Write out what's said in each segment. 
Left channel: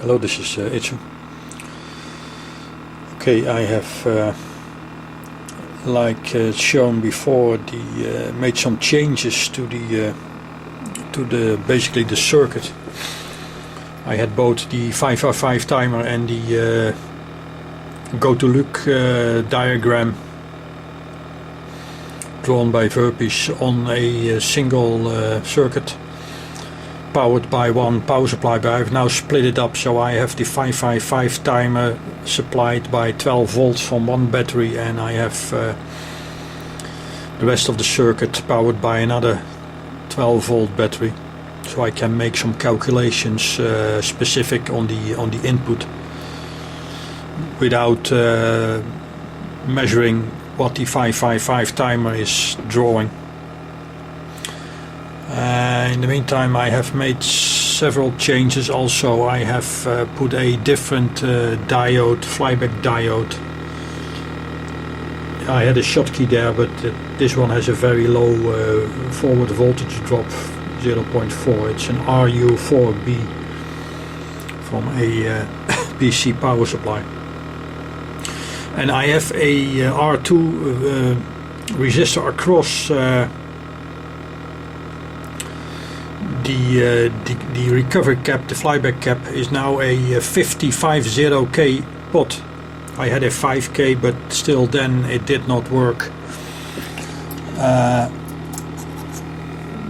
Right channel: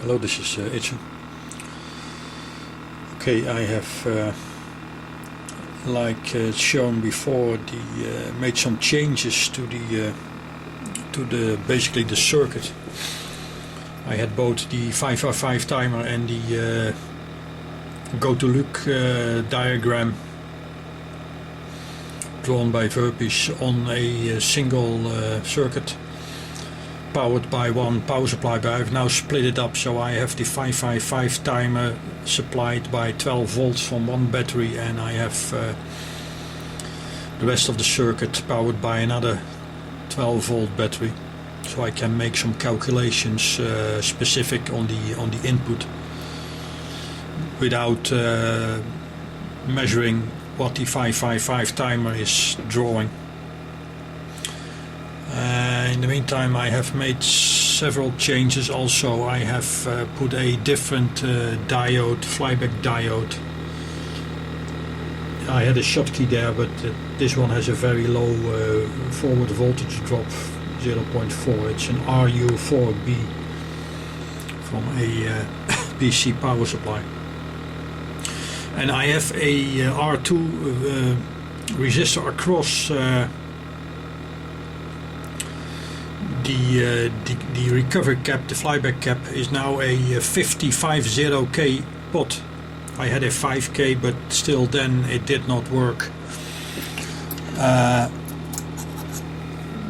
Hello, this is Itsu. Okay, I have like shown before, made some changes to the basically the circuit. I had both the 555 timer and the go to look diagram drawn by Verpis on a single circuit, powered by one power supply, but I've now split it up, so I have the 555 timer supplied by 12 volts from one battery, and I have the rest of the circuit powered by another 12 volt battery, so I can make some calculations specific on the input without measuring what the 555 timer is drawing. In the meantime, I have made several changes also. I have put a different diode, flyback diode. I had a Schottky there, but this one has a very low forward voltage drop, 0.4. It's an RU4B from a PC power supply. And I have a R2 resistor across the recovery cap. The flyback cap is now a 50K pot. I had a 5K, but still then it did not work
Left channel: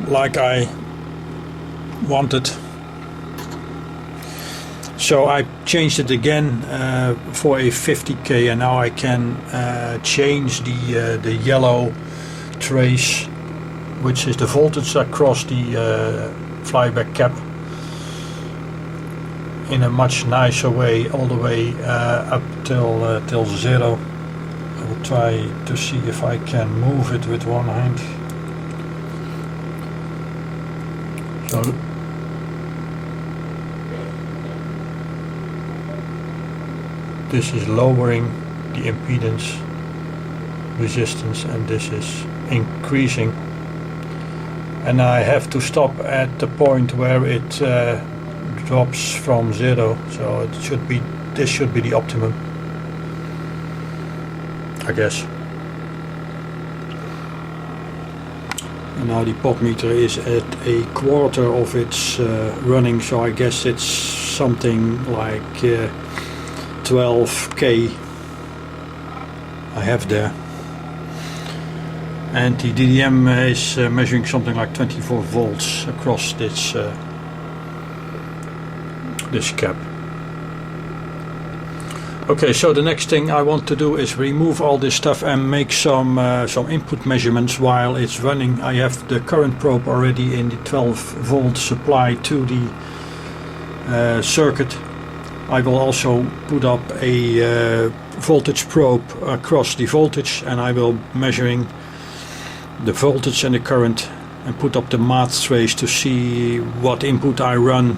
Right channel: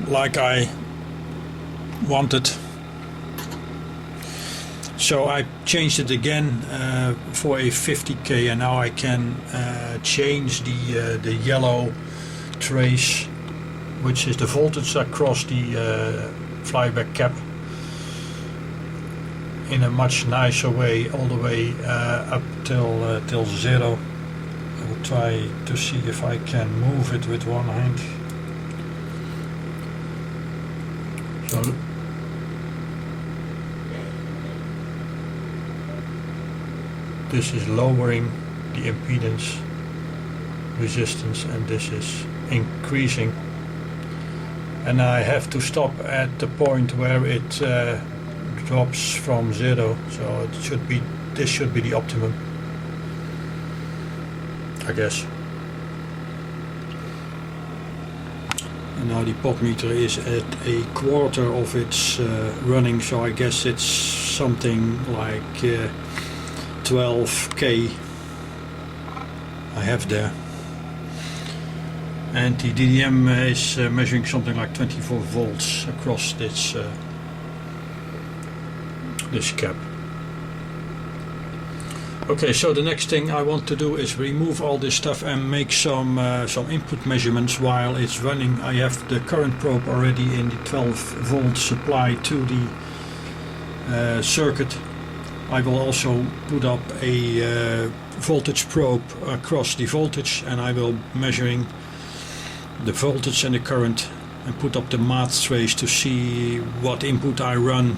like I wanted. So I changed it again for a 50K, and now I can change the yellow trace, which is the voltage across the flyback cap, in a much nicer way, all the way up till 0. I will try to see if I can move it with one hand. So this is lowering the impedance resistance, and this is increasing. And I have to stop at the point where it drops from 0, so this should be the optimum, I guess. And now the pot meter is at a quarter of its running, so I guess it's something like 12K I have there. And the DDM is measuring something like 24 volts across this cap. Okay, so the next thing I want to do is remove all this stuff and make some input measurements while it's running. I have the current probe already in the 12 volt supply to the circuit. I will also put up a voltage probe across the voltage, and I will measuring the voltage and the current and put up the math trace to see what input I run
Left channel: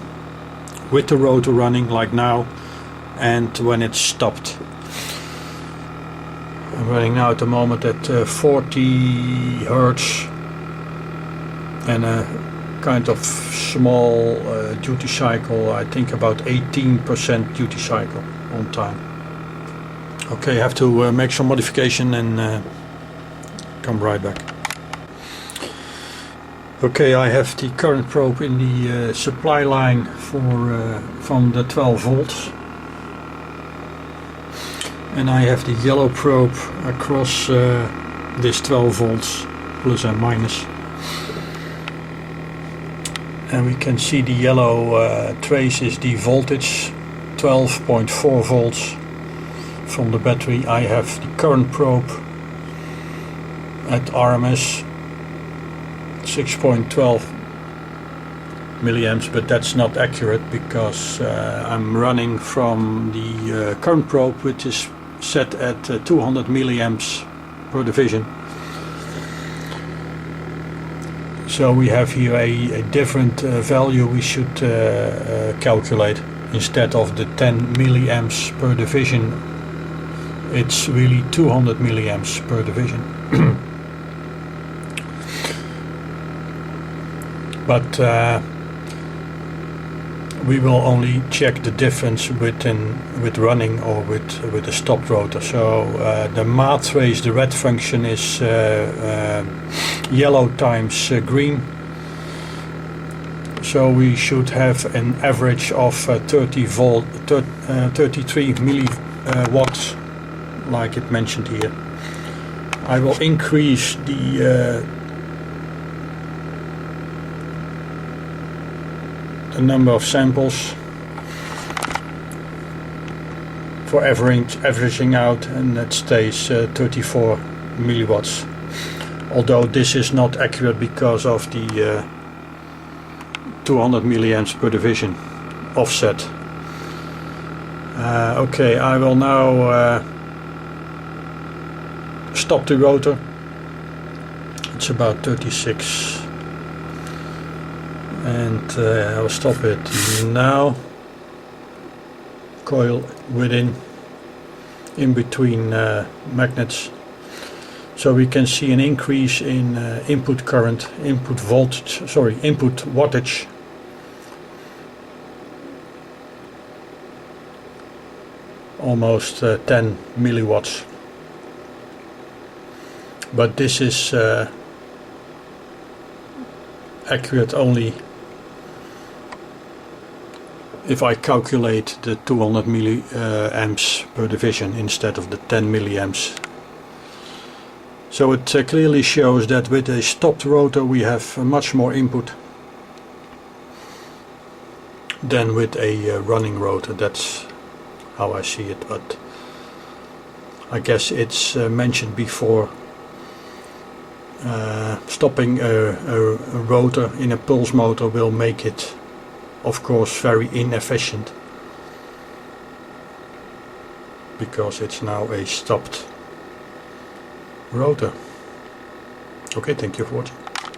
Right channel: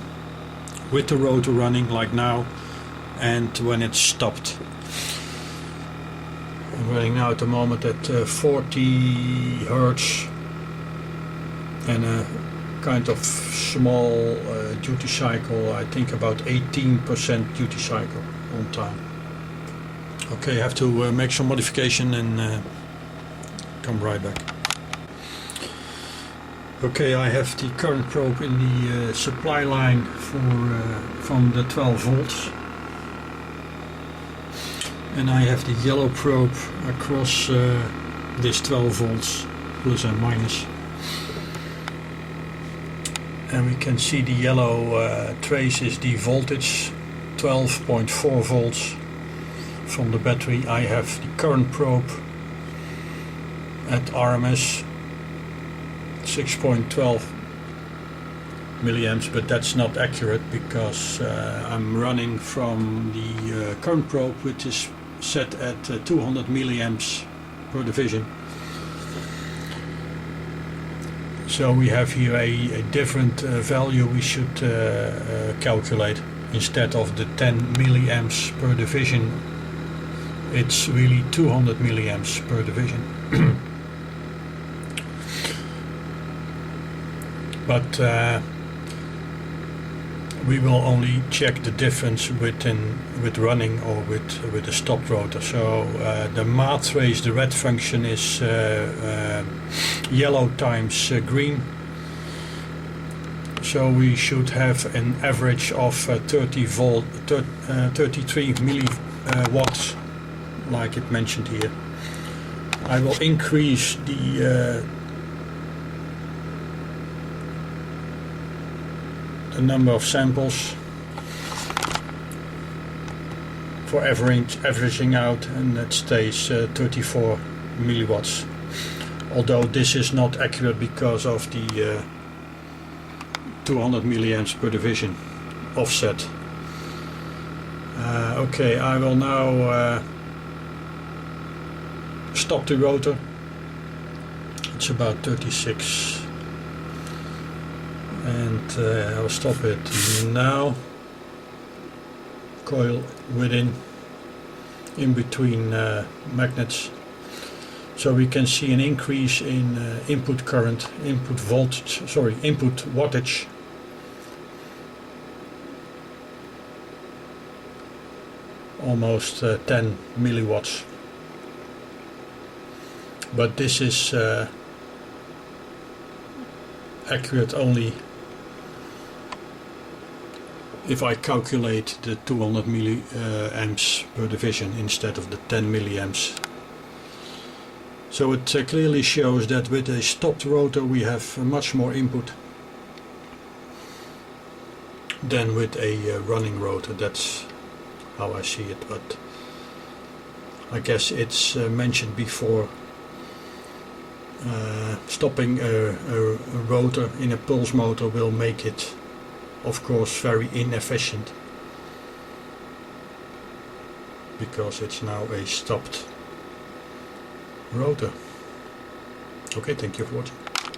with the rotor running, like now, and when it's stopped. I'm running now at the moment at 40 Hertz and a kind of small duty cycle, I think about 18% duty cycle on time. Okay, I have to make some modification and come right back. Okay, I have the current probe in the supply line from the 12 volts, and I have the yellow probe across this 12 volts, plus and minus, and we can see the yellow trace is the voltage, 12.4 volts from the battery. I have the current probe at RMS 6.12 milliamps, but that's not accurate because I'm running from the current probe, which is set at 200 milliamps per division. So we have here a different value we should calculate. Instead of the 10 milliamps per division, it's really 200 milliamps per division. But we will only check the difference with running or with a stopped rotor. So the math trace, the red function, is yellow times green. So we should have an average of 33 milliwatts, like it mentioned here. I will increase the number of samples for averaging out, and that stays 34 milliwatts. Although this is not accurate because of the 200 milliamps per division offset. Okay, I will now stop the rotor. It's about 36, and I'll stop it now. Coil in between magnets, so we can see an increase in input current, input wattage. Almost 10 milliwatts. But this is accurate only if I calculate the 200 milliamps per division instead of the 10 milliamps. So it clearly shows that with a stopped rotor we have much more input than with a running rotor. That's how I see it, but I guess it's mentioned before. Stopping a rotor in a pulse motor will make it, of course, very inefficient, because it's now a stopped rotor. Okay, thank you for watching.